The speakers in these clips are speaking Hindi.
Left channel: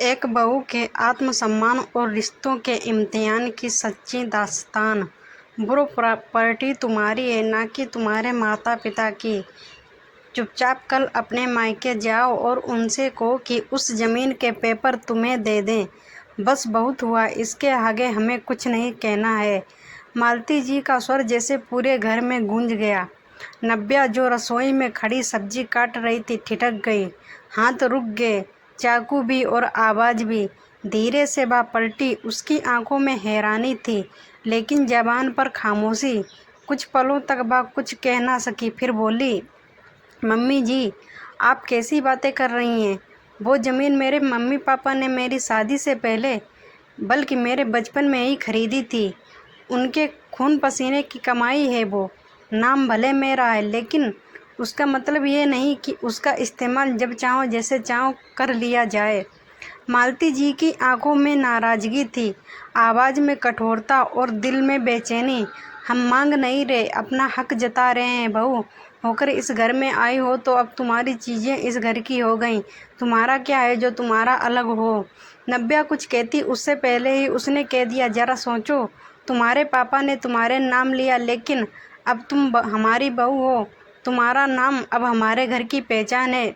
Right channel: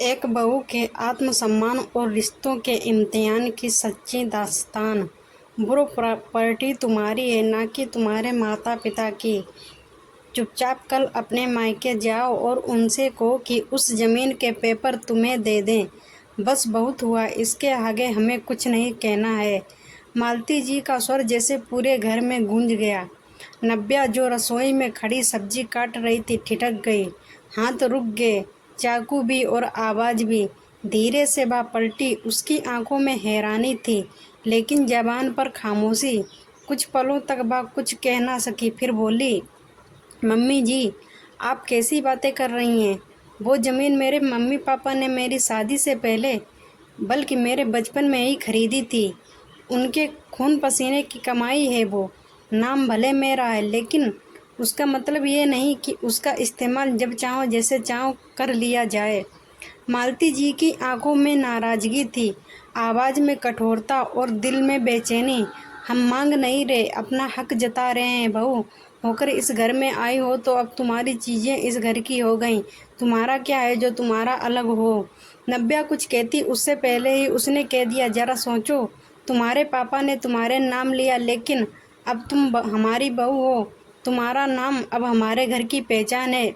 एक बहू के आत्मसम्मान और रिश्तों के इम्तिहान की सच्ची दास्तान। ब्रो प्रॉपर्टी तुम्हारी है, ना कि तुम्हारे माता पिता की। चुपचाप कल अपने मायके जाओ और उनसे कहो कि उस ज़मीन के पेपर तुम्हें दे दें। बस बहुत हुआ, इसके आगे हमें कुछ नहीं कहना है। मालती जी का स्वर जैसे पूरे घर में गूंज गया। नव्या जो रसोई में खड़ी सब्जी काट रही थी ठिठक गई। हाथ रुक गए, चाकू भी और आवाज़ भी। धीरे से वह पलटी। उसकी आंखों में हैरानी थी, लेकिन ज़बान पर खामोशी। कुछ पलों तक वह कुछ कह ना सकी, फिर बोली, मम्मी जी, आप कैसी बातें कर रही हैं? वो ज़मीन मेरे मम्मी पापा ने मेरी शादी से पहले, बल्कि मेरे बचपन में ही खरीदी थी। उनके खून पसीने की कमाई है वो। नाम भले मेरा है, लेकिन उसका मतलब ये नहीं कि उसका इस्तेमाल जब चाहो जैसे चाहो कर लिया जाए। मालती जी की आंखों में नाराज़गी थी, आवाज़ में कठोरता और दिल में बेचैनी। हम मांग नहीं रहे, अपना हक जता रहे हैं। बहू होकर इस घर में आई हो तो अब तुम्हारी चीज़ें इस घर की हो गईं। तुम्हारा क्या है जो तुम्हारा अलग हो? नव्या कुछ कहती उससे पहले ही उसने कह दिया, ज़रा सोचो, तुम्हारे पापा ने तुम्हारे नाम लिया, लेकिन अब तुम हमारी बहू हो। तुम्हारा नाम अब हमारे घर की पहचान है।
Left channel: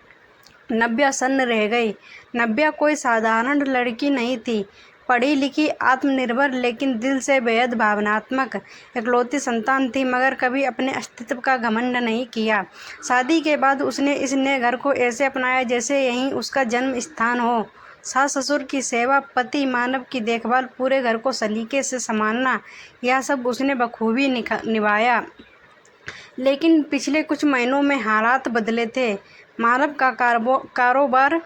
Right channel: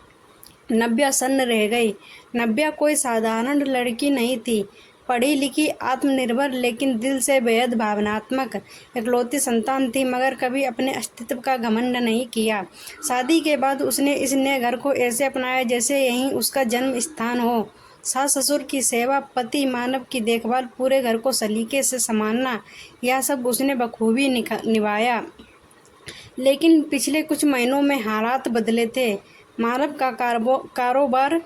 नव्या सन्न रह गई। नव्या कोई साधारण लड़की नहीं थी। पढ़ी लिखी, आत्मनिर्भर, लेकिन दिल से बेहद भावनात्मक। इकलौती संतान थी, मगर कभी अपने अस्तित्व का घमंड नहीं किया। शादी के बाद उसने इस नए घर को ऐसे अपनाया जैसे यहीं उसका जन्म स्थान हो। सास ससुर की सेवा, पति मानव की देखभाल, पूरे घर को सलीके से संभालना, यह सब उसने बखूबी निभाया। लेकिन पिछले कुछ महीनों में हालात बदले थे। मानव का कारोबार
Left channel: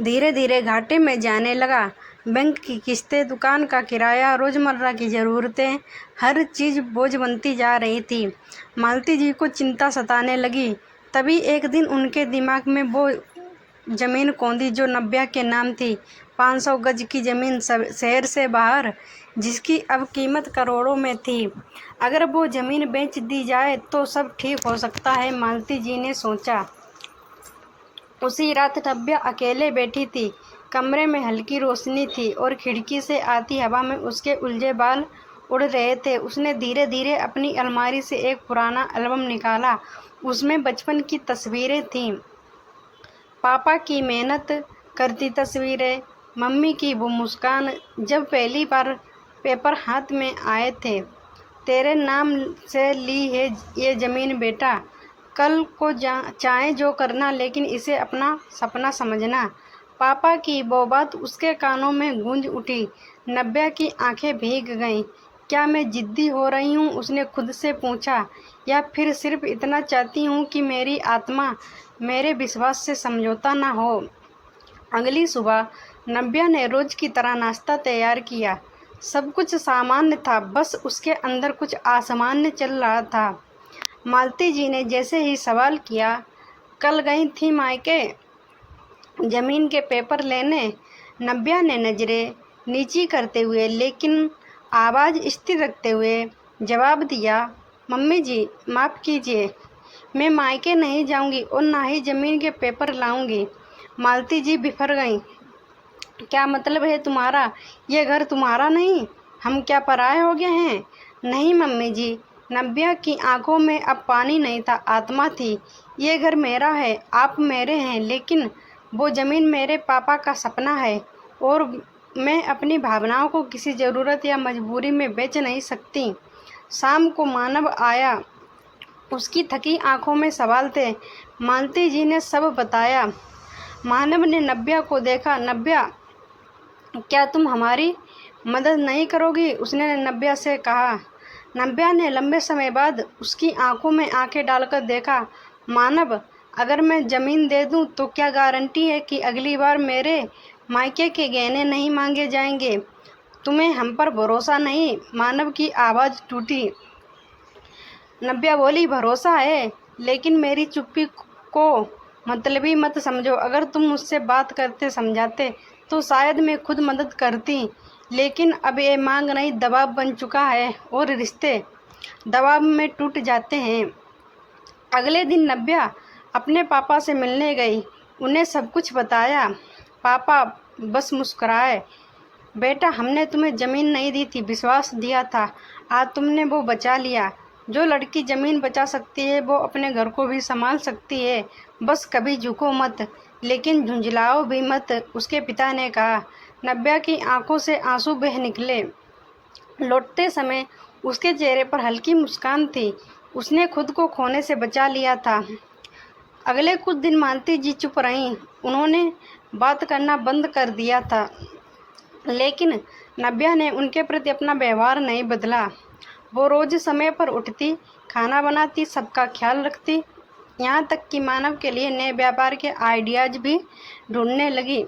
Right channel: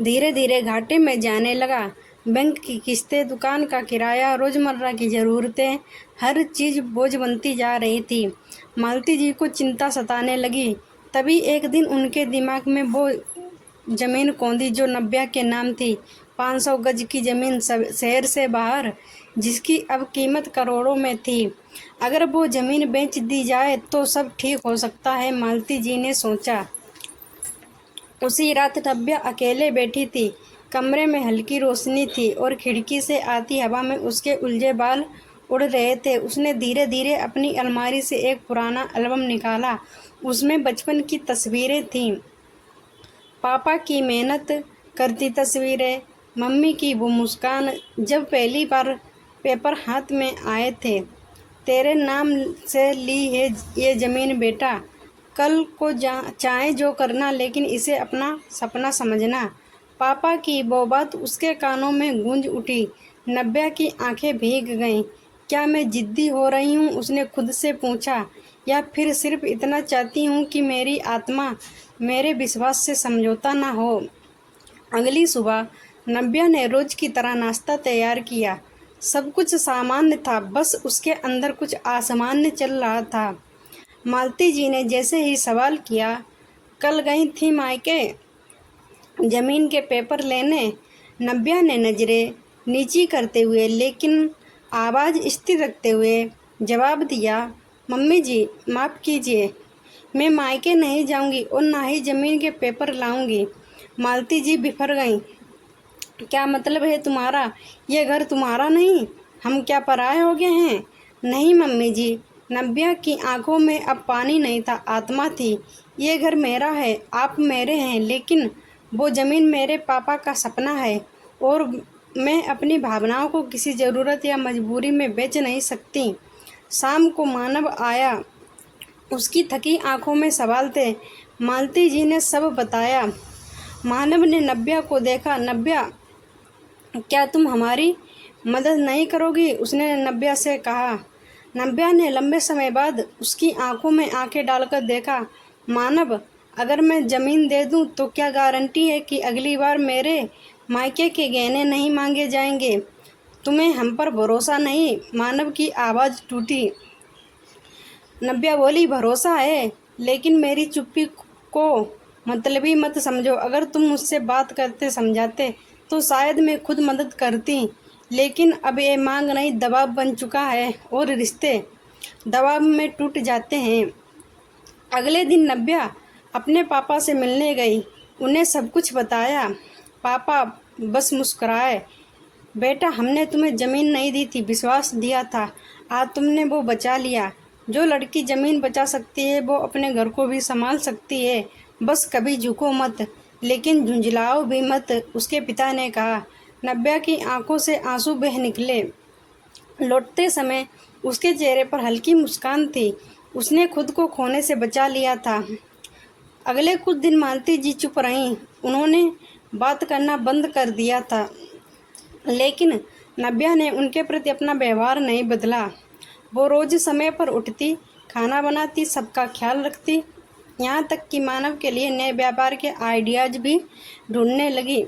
धीरे धीरे घाटे में जाने लगा। बैंक की किस्तें, दुकान का किराया, रोज़मर्रा की ज़रूरतें, हर चीज़ बोझ बनती जा रही थी। मालती जी को चिंता सताने लगी। तभी एक दिन उनके दिमाग में वो ज़मीन कौंधी जो नव्या के नाम थी। 500 गज की ज़मीन शहर से बाहर, जिसकी अब कीमत करोड़ों में थी। अगर वो ज़मीन बेच दी जाए तो सब ठीक हो सकता है, मालती जी ने सोचा। उसी रात नव्या अकेले बैठी थी। कमरे में हल्की रोशनी थी और खिड़की से आती हवा में उसके उलझे बाल उड़ रहे थे। उसने धीरे धीरे अपनी अलमारी से एक पुराना एल्बम निकाला। उसमें बचपन की तस्वीरें थीं। पापा की मेहनत करती तस्वीरें, मम्मी की वो मुस्कान जब पहली बार पेपर हाथ में आए थे। तेरे नाम से ली है ये ज़मीन बेटा, कल को चाहे जो करना, लेकिन इसे अपना सपना समझना। पापा की वो बात उसके कानों में गूंज उठी। नव्या की आंखें भीग गईं। क्या मैं जिद्दी हो रही हूँ, उसने खुद से पूछा, या फिर सिर्फ इतना चाहती हूँ कि मेरी आत्मा मेरे विश्वास से समझौता ना हो। अगली सुबह नव्या ने रोज की तरह नाश्ता तैयार किया। सब कुछ सामान्य था, बस उसके अंदर कुछ असामान्य चल रहा था। मालती जी ने जैसे ही सवाल किया, कल गई थी मायके जमीन के पेपर लेने? नव्या ने नज़रें नीची करते हुए लेकिन आवाज़ स्थिर रखते हुए जवाब दिया, मम्मी जी माफ़ कीजिए, मैं मायके नहीं जाऊंगी और ना ही ज़मीन के पेपर लाऊंगी। मालती जी बिफर गईं। क्या मतलब है तुम्हारा? ये घर तुम्हारा नहीं? हम क्या पराये हो गए हैं? नहीं मम्मी जी। नव्या की आंखों में अब पानी नहीं था, आत्मा थी। ये घर मेरा है, आप मेरे हैं, लेकिन वो ज़मीन मेरे पापा का सपना है और मैं अपनी भावनाओं को किसी ज़रूरत या मजबूरी में बेच नहीं सकती। शाम को मानव आया। उसकी थकी आंखों में सवाल थे। मालती जी ने सब बताया। मानव ने नव्या को देखा। नव्या, क्या तुम हमारी मदद नहीं करोगी? उसने नव्या से कहा। नव्या ने लंबे समय बाद उसकी आंखों में आंखें डालकर देखा। मानव, अगर मैं ज़मीन दे दूं तो क्या गारंटी है कि अगली बार मेरे मायके के गहने नहीं मांगे जाएंगे? तुम्हें हम पर भरोसा नहीं? मानव की आवाज़ टूटी। नव्या बोली, भरोसा है, लेकिन मेरी चुप्पी को मतलबी मत समझो। अगर तुम मुझसे बात करते समझाते तो शायद मैं खुद मदद करती, लेकिन अब ये मांग नहीं, दबाव बन चुका है और रिश्ते दबाव में टूट जाते हैं। अगले दिन नव्या अपने पापा से मिलने गई। उन्हें सब कुछ बताया। पापा बस मुस्कुराए। बेटा, हमने तुम्हें ज़मीन नहीं दी थी, विश्वास दिया था। आज तुमने वो बचा लिया। जो लड़की ज़मीन बचा सकती है वो अपने घर को भी संभाल सकती है। बस कभी झुको मत, लेकिन झुंझलाओ भी मत, उसके पिता ने कहा। नव्या की आंखों से आंसू बह निकले। लौटते समय उसके चेहरे पर हल्की मुस्कान थी। उसने खुद को खोने से बचा लिया था। अगले कुछ दिन मालती जी चुप रहीं। उन्होंने बात करना बंद कर दिया था, लेकिन नव्या ने उनके प्रति अपना व्यवहार नहीं बदला। वो रोज समय पर उठती, खाना बनाती, सबका ख्याल रखती, यहाँ तक कि मानव के लिए नए व्यापार के आइडियाज भी ढूंढने लगी।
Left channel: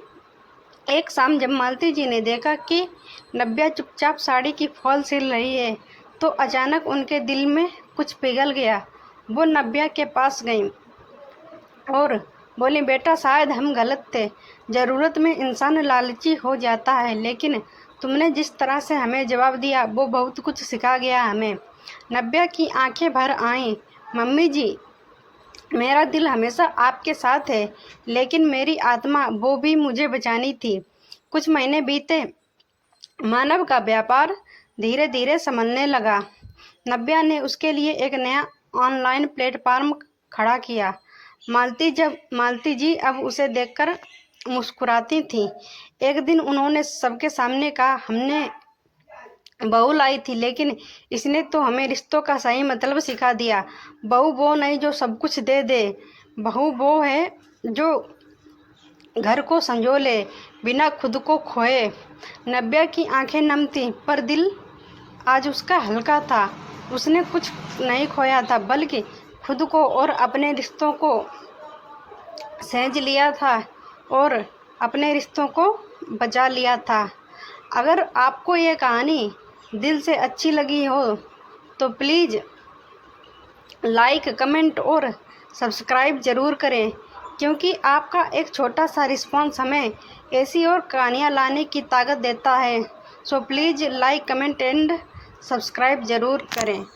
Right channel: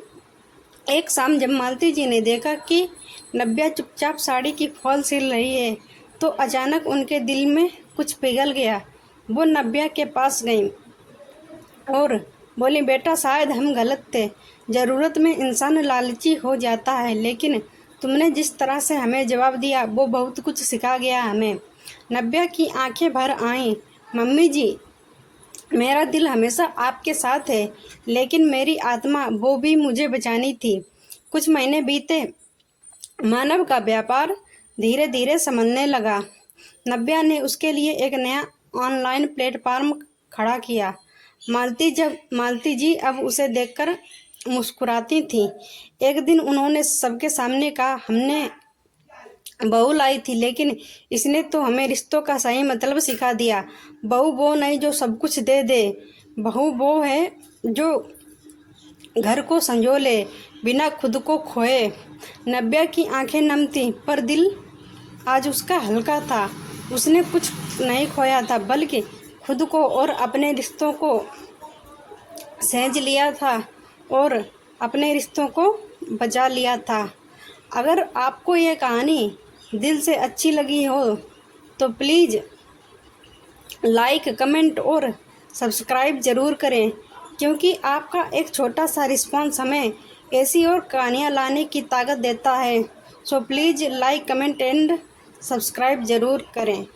एक शाम जब मालती जी ने देखा कि नव्या चुपचाप साड़ी की फॉल सिल रही है, तो अचानक उनके दिल में कुछ पिघल गया। वो नव्या के पास गई और बोली, बेटा, शायद हम गलत थे। ज़रूरत में इंसान लालची हो जाता है, लेकिन तुमने जिस तरह से हमें जवाब दिया वो बहुत कुछ सिखा गया हमें। नव्या की आंखें भर आईं। मम्मी जी, मेरा दिल हमेशा आपके साथ है, लेकिन मेरी आत्मा वो भी मुझे बचानी थी। कुछ महीने बीते। मानव का व्यापार धीरे धीरे संभलने लगा। नव्या ने उसके लिए एक नया ऑनलाइन प्लेटफॉर्म खड़ा किया। मालती जी अब उसे देखकर मुस्कुराती थीं। एक दिन उन्होंने सबके सामने कहा, हमने बहू लाई थी, लेकिन इसने तो हमें रिश्तों का सही मतलब सिखा दिया। बहू वो नहीं जो सब कुछ दे दे। बहू वो है जो घर को संजोले, बिना खुद को खोए। नव्या की आंखें नम थीं, पर दिल आज उसका हल्का था। उसने कुछ नहीं खोया था, बल्कि खुद को और अपने रिश्तों को सहेज लिया था और अपने रिश्तों को बचा लिया था। अगर आपको ये कहानी दिल से अच्छी लगी हो तो प्लीज़ लाइक, कमेंट और सब्सक्राइब ज़रूर करें, क्योंकि आपका एक छोटा सा रिस्पॉन्स हमें ऐसी और कहानियाँ लाने की ताकत देता है। So please like, comment and subscribe ज़रूर करें।